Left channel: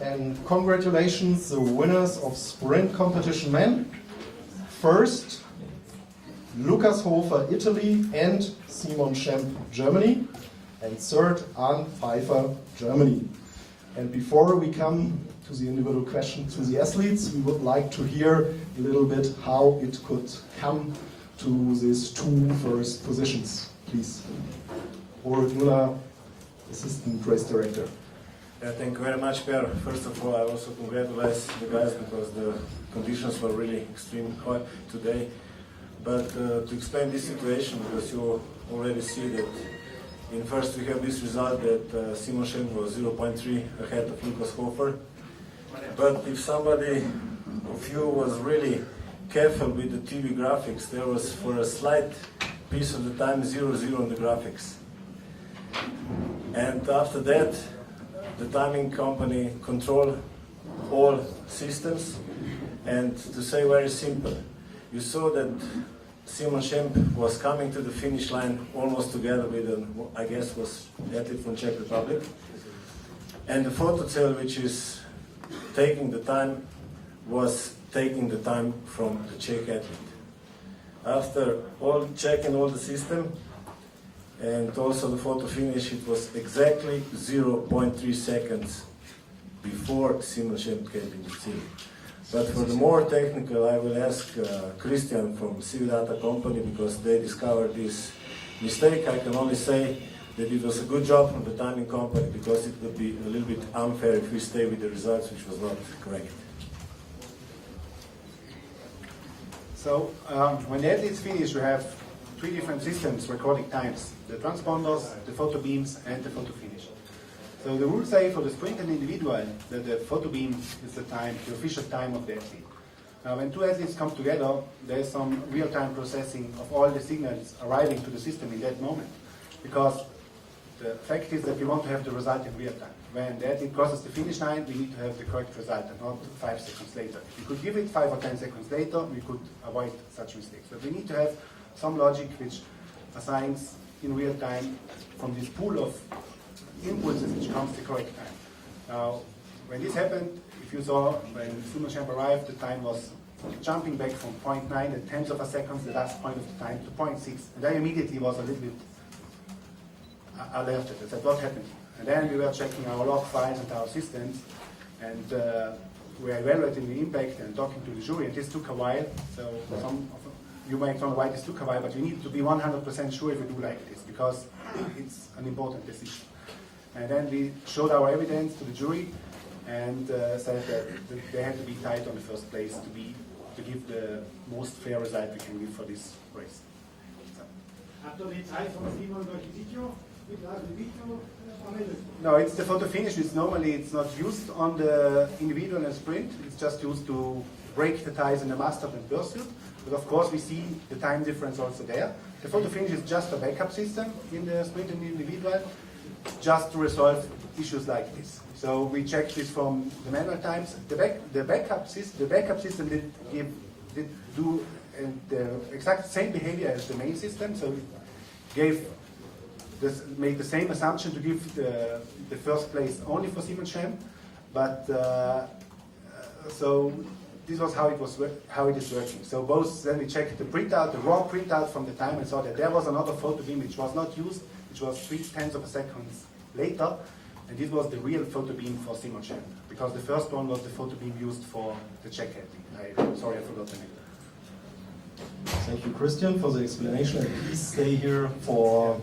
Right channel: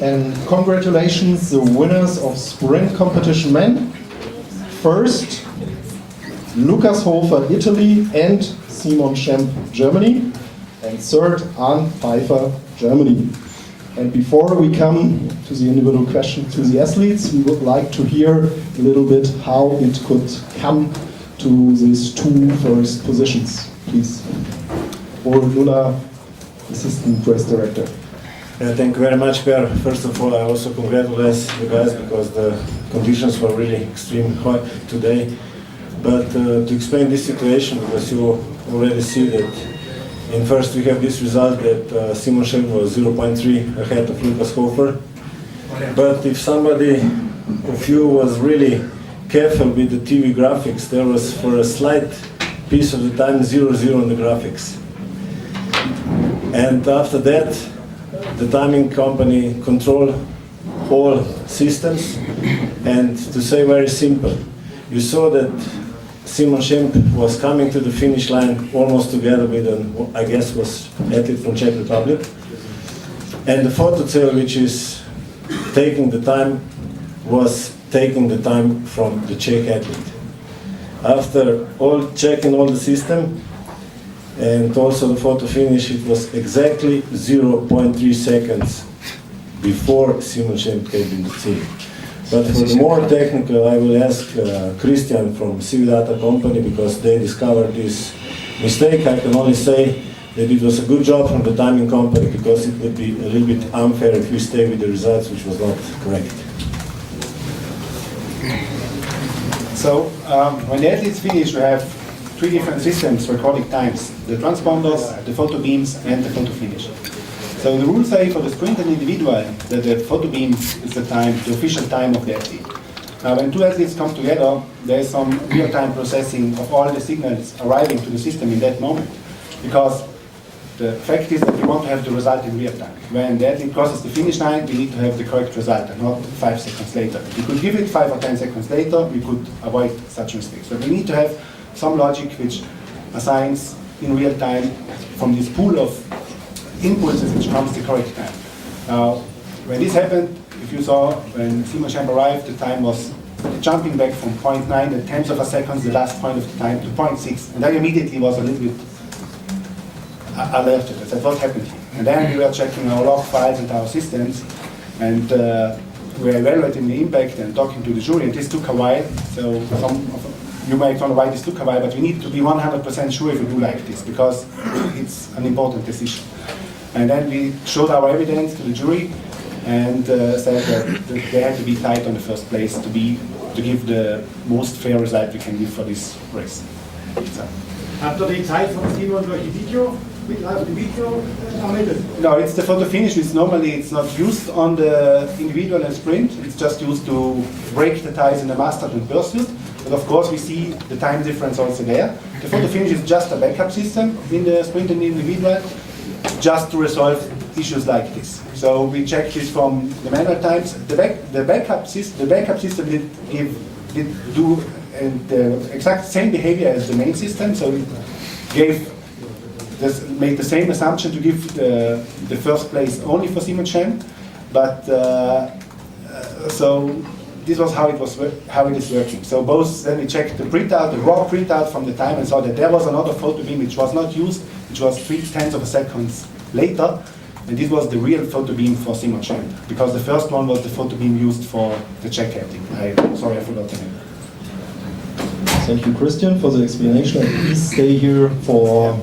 And congratulations, the winners of Sprint Competition Men. First, Lukas Hofer, Italy, and Simon Schemp, Germany. And third, Arndt Pfeiffer, Germany. And before we come to the individual question to the athletes, we would like to hear a little bit how it could come to these two first positions, please. Or Lula, Assistant Press Director. Thank you very much, Per. First of all, I also congratulate you guys because the conditions were really extreme hot today. But to explain this situation, because you already see that in first we have this result that Simon Schemp was 0.3 ahead of Lukas Hofer. But if somebody of you was really careful with the TV graphics, there was for a slight piece of the time 0-0 on the graphics. And after that, the timing company controlled all systems. And to say very simple, you saw that Simon Schemp was coming to the finish line almost together with an, I guess, was athlete from Czech Republic. And the photo cell, which is taking the time, was taking the time from the Czech athlete. After all checking all the system, and also the photo finish, it was exactly 0.3 seconds before Simon Schemp came in the team. But for the more technical, I will ask Christian from Cividata company, because they discovered this mistake. I can only say that it was a good job from the timing company, because it would be a little bit unfair if we stay with the results, which was not correct. So when the athletes finish, we have three different systems recording times: the transponders, the photo beams, and the photo finish. So the rules say for the sprint and individual that the photo beam is the time, the official time of the athlete. Now when two athletes come together, there is some real-time processing of all the signals arriving to the system in that moment. Because the fact is that we want to have the result in real time. When the athlete crosses the finish line, we need to have the correct result and not 5 seconds later. If we could give it 5 or 10 seconds later, we could avoid such mistakes. So we need to have some logic which assigns in real time from this pool of impulses which comes the correct time. Now, when this happened, if you saw when Simon Schemp arrived, the time was jumping back from 0.9 and tenths of a second, the last point of the time, to 0.6. And I immediately was a little bit alerted. I said, what happened here? And then we were checking our log files and our systems, and we were evaluating the impact and talking to the jury, and this took a while. So you might wonder why this took a while, but we need to be 100% sure if we do like this, because it's an important decision. And then we showed our evidence to the jury and said that they had to be tight on the first place to give the most fair result we can give for this race. So. Habt ihr die Zeit von Simon durch die Video, auf dem Video ermittelt? No, it's the photo finish. It's not used on the individual and sprint. It's just used to break the ties in the master and pursuit. But of course, we see the time difference also there. The photo finish is just a backup system in the sprint and individual, just to resolve issues like this. So we check this from the manual times. The backup system did do the exact same behavior as the main system. So it made the same assumption to give the first place only for Simon Schemp, but so this was how it is working. So both, then we checked the printout, the raw printout from the time, and saw that there was another photo beam which was not used, which was 0.3 of a second later, and this was the real photo beam for Simon Schemp, because the first one was the photo beam used for the Czech athlete. Sorry, I forgot the name. Thank you, Christian, for the explanation. And please stay here for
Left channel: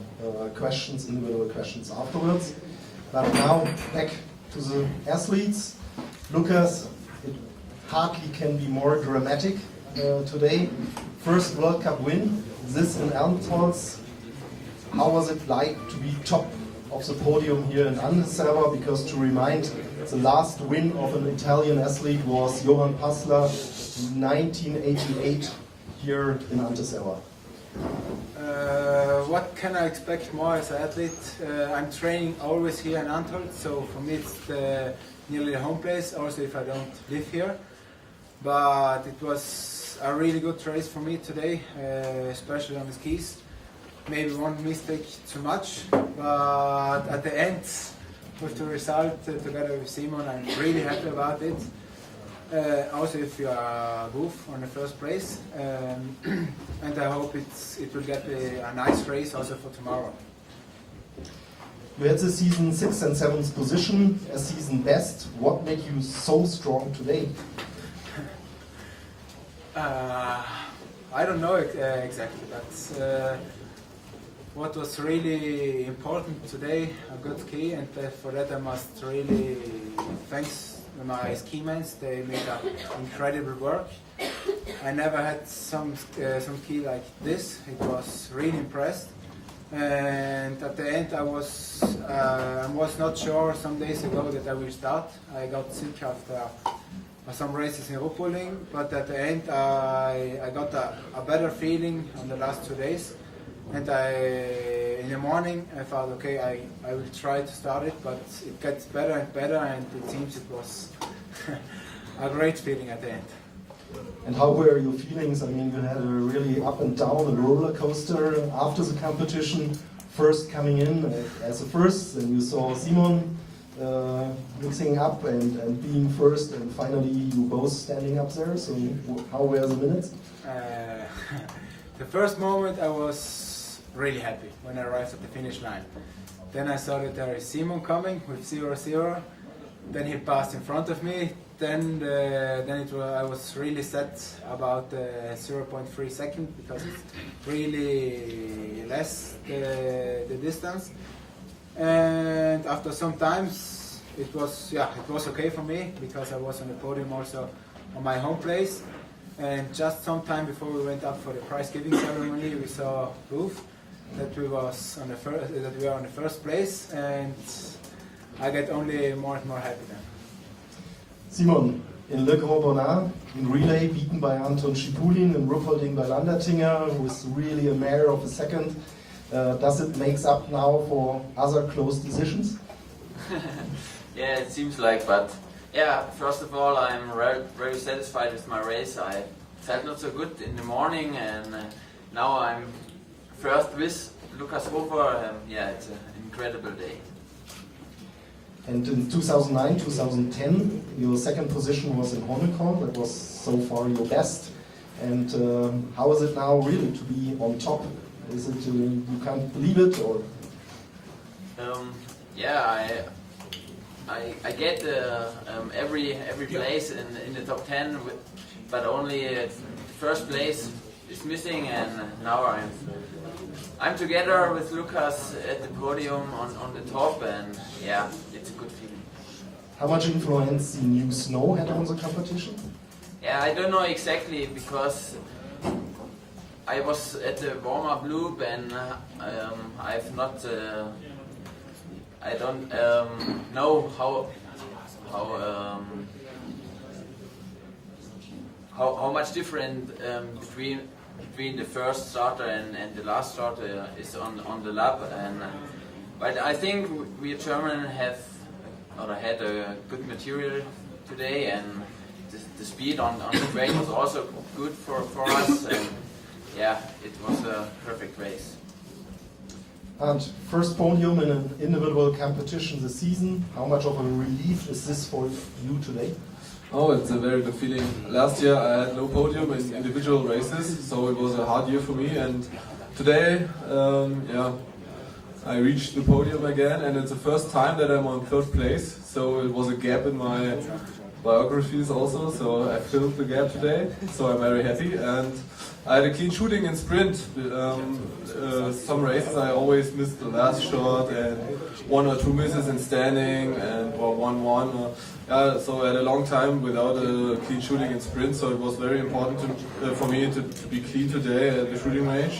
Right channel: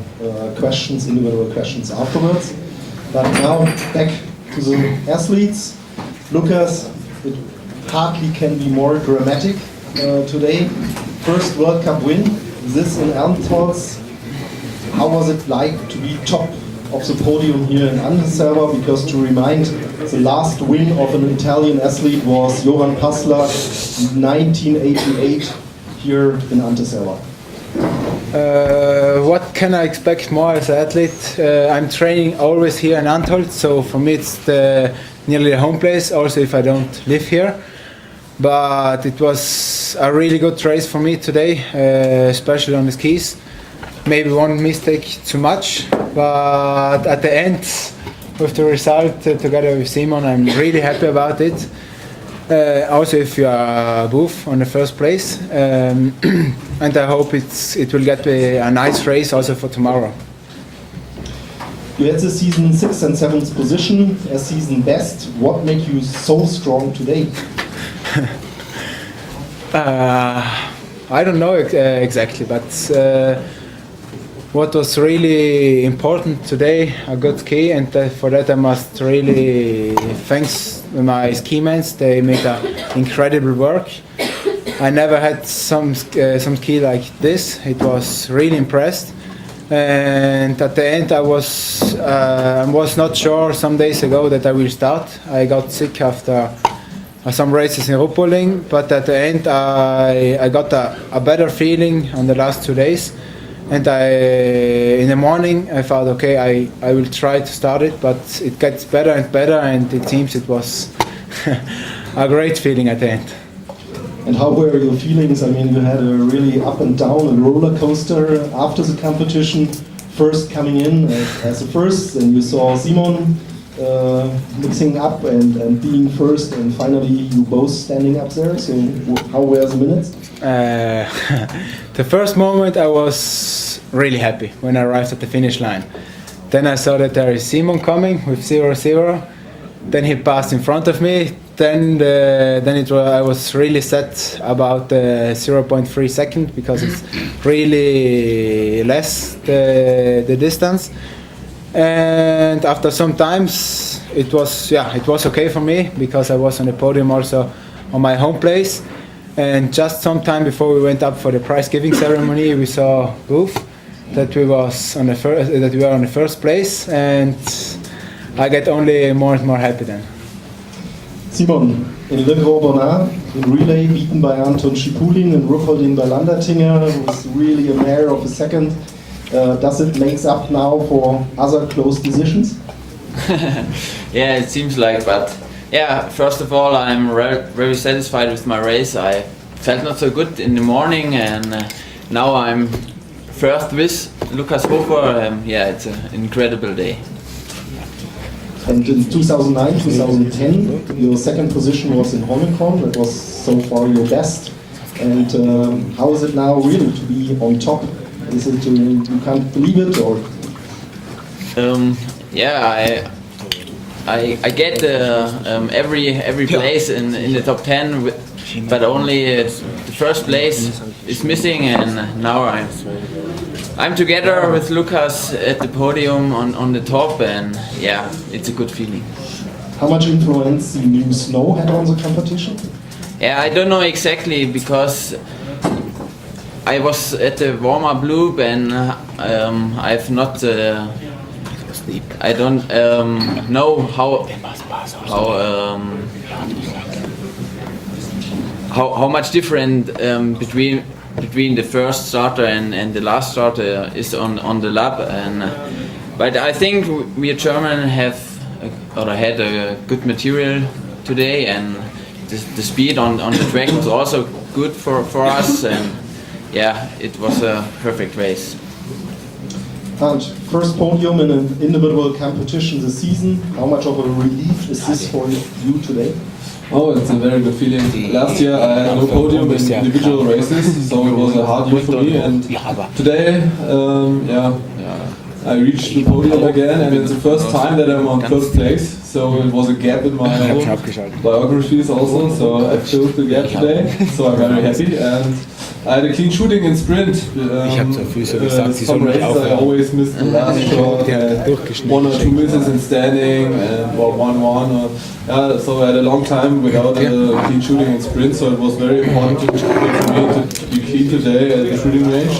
questions, individual questions afterwards. But now back to the athletes. Lukas, it hardly can be more dramatic today. First World Cup win. This in Elmshorst. How was it like to be top of the podium here in Anterselva? Because to remind, the last win of an Italian athlete was Johan Passler in 1988 here in Anterselva. What can I expect more as an athlete? I'm training always here in Antholz, so for me it's nearly the home place, also if I don't live here. But it was a really good race for me today, especially on the skis. Maybe one mistake too much, but at the end with the result together with Simon. I'm really happy about it. Also, if you are both on the first place, and I hope it will get a nice race also for tomorrow. You had the season 6th and 7th position as season best. What made you so strong today? I don't know exactly, but what was really important today, a good ski, and for that I must really thanks my ski mates. They made incredible work. I never had some ski like this. It was really impressed. And at the end, I was not sure some days ago that I will start. I got sick after some races in Ruppolding, but at the end, I got a better feeling on the last 2 days. And in the morning, I thought, okay, I will try to start it, but it gets better and better, and it seems it was a great feeling at the end. And how were your feelings? I mean, you had a really up and down, a roller coaster after the competition. First coming in as the first, and you saw Simon mixing up and being first, and finally you both standing up there. So how were the minutes? The first moment I was really happy when I arrived at the finish line. Then I saw that there is Simon coming with 0-0. Then he passed in front of me. Then I was really sad about the 0.3 second because it's really less the distance. And after some times it was okay for me because I was on the podium also on my home place. And just some time before we went up for the prize giving ceremony, we saw both that we were on the first place, and I get only more and more happy then. Simon, in Le Grand Bonnat, in relay beaten by Anton Schipulin, in Ruppolding by Landertinger, was really a mare of a second. Does it make up now for other close decisions? Yeah, it seems like, but yeah, first of all, I'm very satisfied with my race. I felt not so good in the morning, and now I'm first with Lukas Hofer. Yeah, it's an incredible day. And in 2009, 2010, your second position was in Holmenkollen. That was so far your best. And how is it now really to be on top? Is it you can't believe it, or? Yeah, I get every place in the top 10, but only the first place is missing, and now I'm together with Lukas at the podium on the top, and yeah, it's a good feeling. How much influence the new snow had on the competition? Yeah, I don't know exactly because I was at the warm-up loop, and I've not. I don't know how much different between the first starter and the last starter is on the lap, and but I think we German had a good material today, and the speed on the track was also good for us, and yeah, it was a perfect race. And first podium in an individual competition this season. How much of a relief is this for you today? Oh, it's a very good feeling. Last year I had no podium in individual races, so it was a hard year for me. And today, I reached the podium again, and it's the first time that I'm on first place. So it was a gap in my biographies also. So I filled the gap today. So I'm very happy. And I had a clean shooting in sprint. Some races I always missed the last shot, 1 or 2 misses in standing, and 1-1. So I had a long time without a clean shooting in sprint, so it was very important for me to be clean today at the shooting range.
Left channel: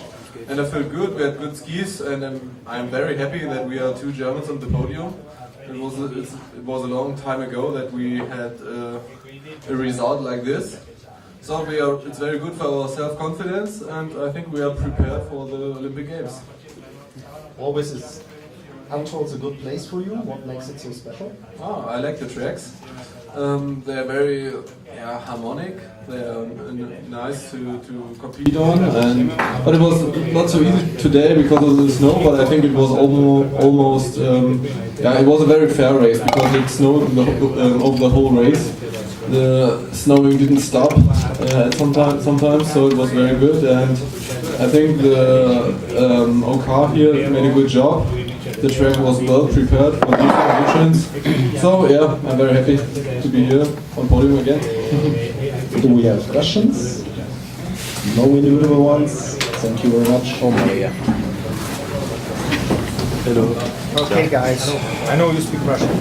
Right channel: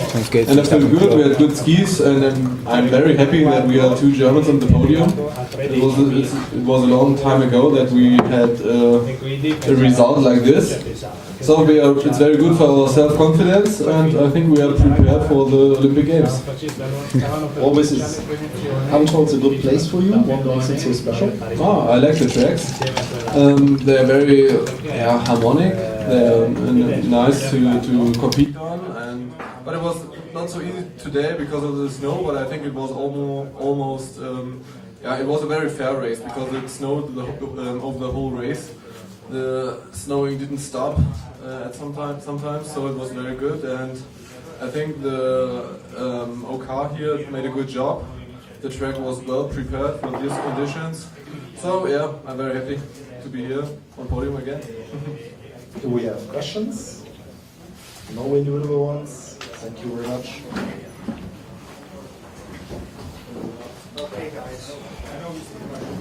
And I feel good, we had good skis, and I'm very happy that we had 2 Germans on the podium. It was a long time ago that we had a result like this. So it's very good for our self-confidence, and I think we are prepared for the Olympic Games. Always is Antholz a good place for you? What makes it so special? I like the tracks. They're very harmonic. They're nice to compete on, but it was not so easy today because of the snow. But I think it was almost it was a very fair race because it snowed over the whole race. The snowing didn't stop sometimes, so it was very good. And I think the OK here made a good job. The track was well prepared for these conditions. So yeah, I'm very happy to be here on podium again. Do we have questions? No individual ones. Thank you very much. Hello. Okay, guys. I know you speak Russian.